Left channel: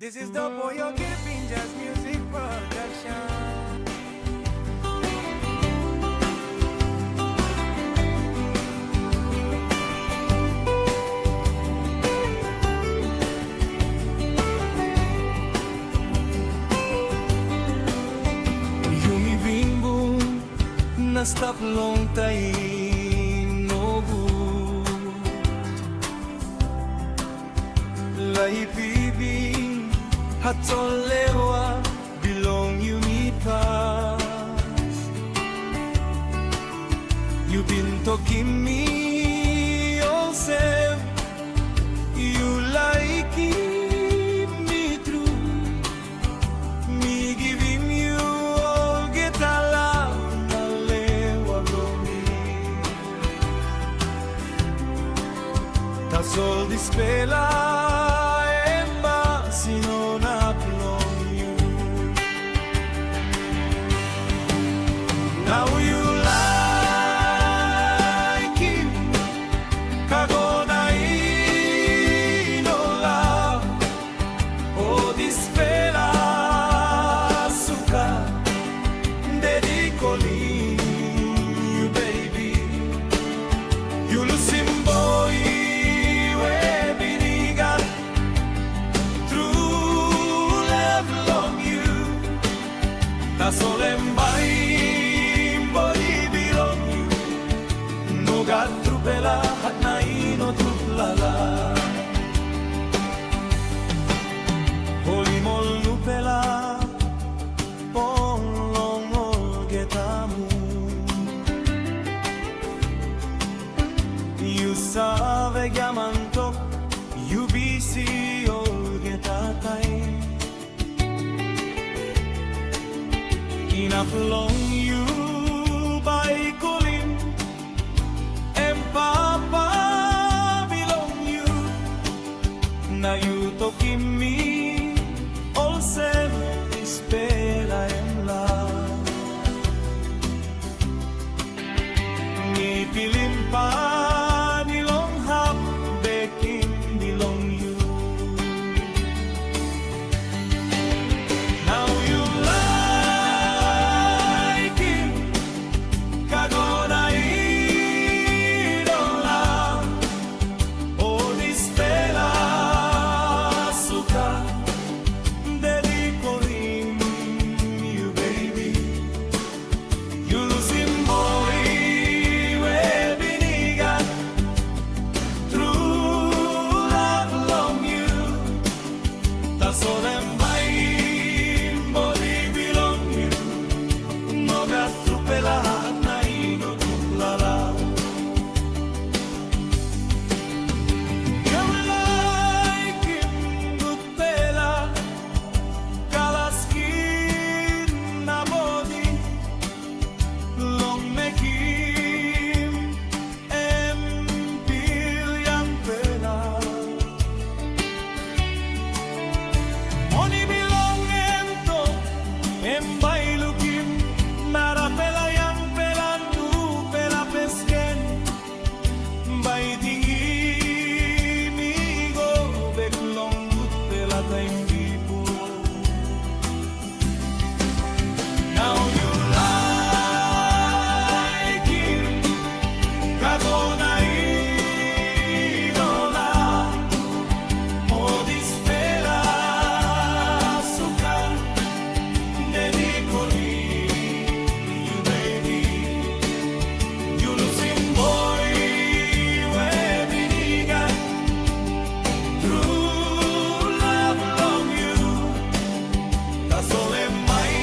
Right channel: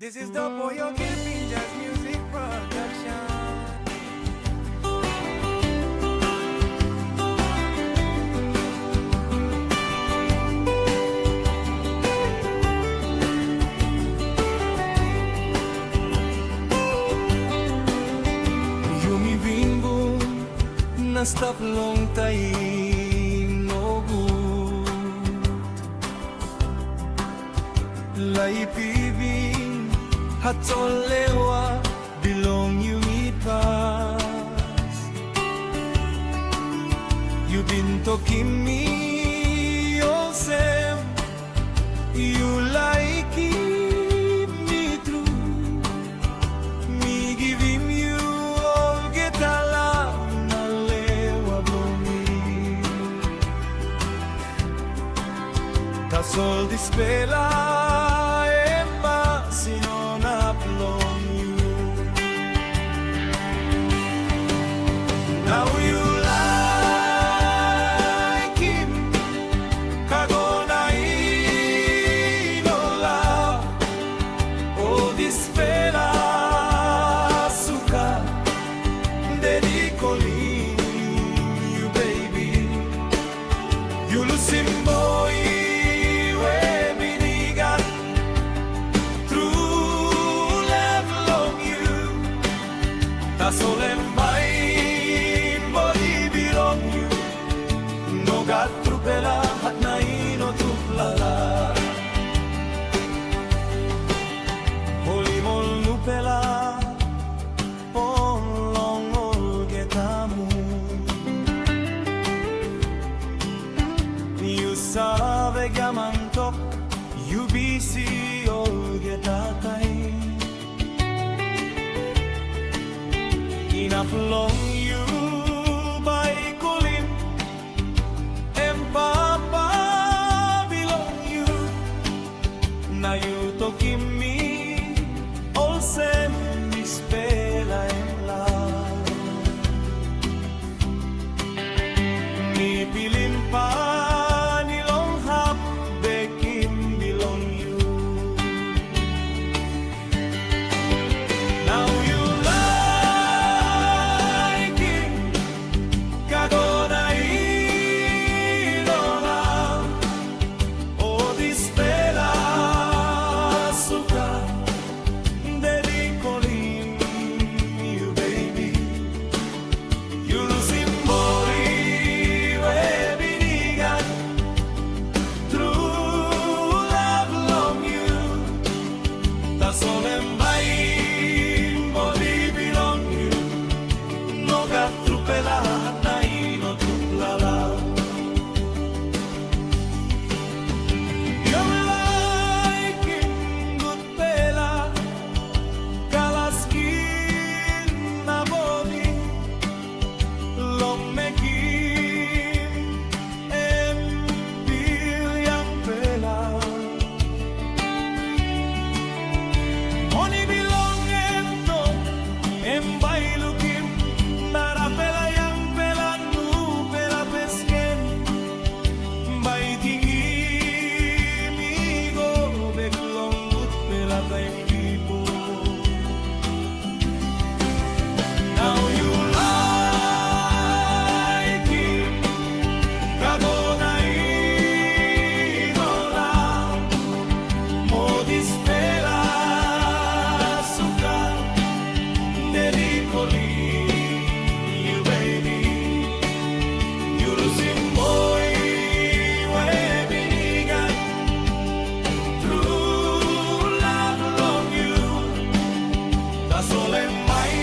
This is the Papua New Guinea Jazz Music Production. Yumi bimbo na stop long time no good. Lai pibing hatolewa belong you me past. You been talking me all same. You like keep me true. Me give him you all get a love na lewa blow me. Tas all dispela sino na plong you. Now you like him, kago na inola. Oh, this fella suka, dedicolin you baby. You losing boy. Tasolembay body belong you. No gat trupela hat na ino truplala. Holy mol nupela ponlong ol getamu. You save gamantok you busy ol getatay. Enough long you by Colim and Papa belong you. Now you talking me all same dispela em la. Mi pilim pa nilong hap bekim belong you. Now you dedicolin you baby. You losing boy we binigan. True love long you. Tasolembay body belong you. No gat trupela na ino truplala. Skin na body long mekim empil yang pela. Money belong ento embay lukim nara pela yang pela nu pela pesken bay tinggi migo bek long good pela time bipo. Now you like him, kago na inola. Modis pela suka, dedicolin you baby. You losing boy we binigan. True love long you. Tasolembay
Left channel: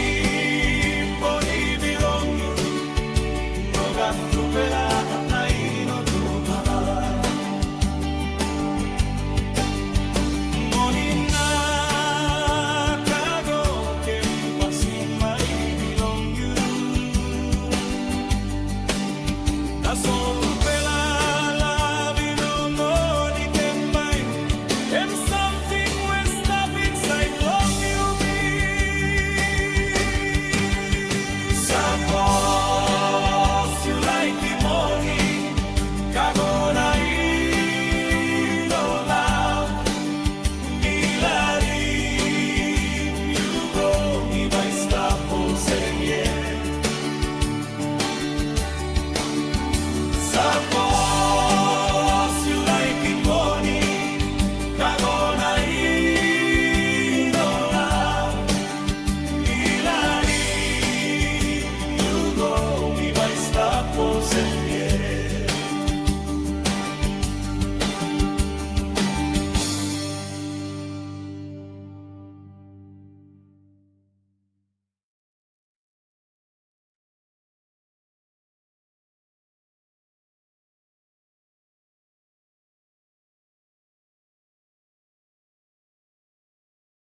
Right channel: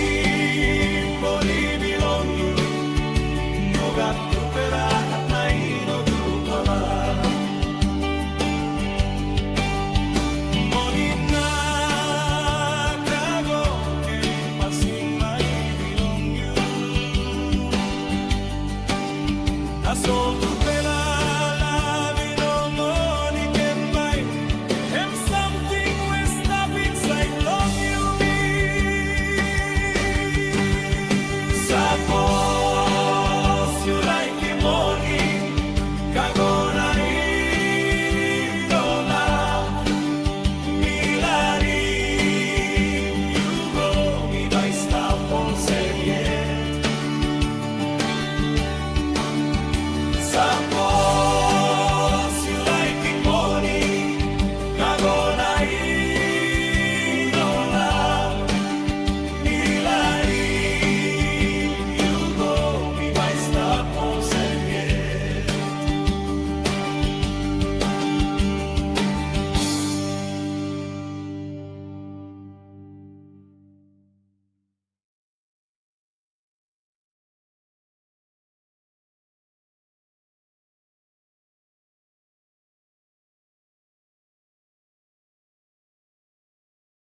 senye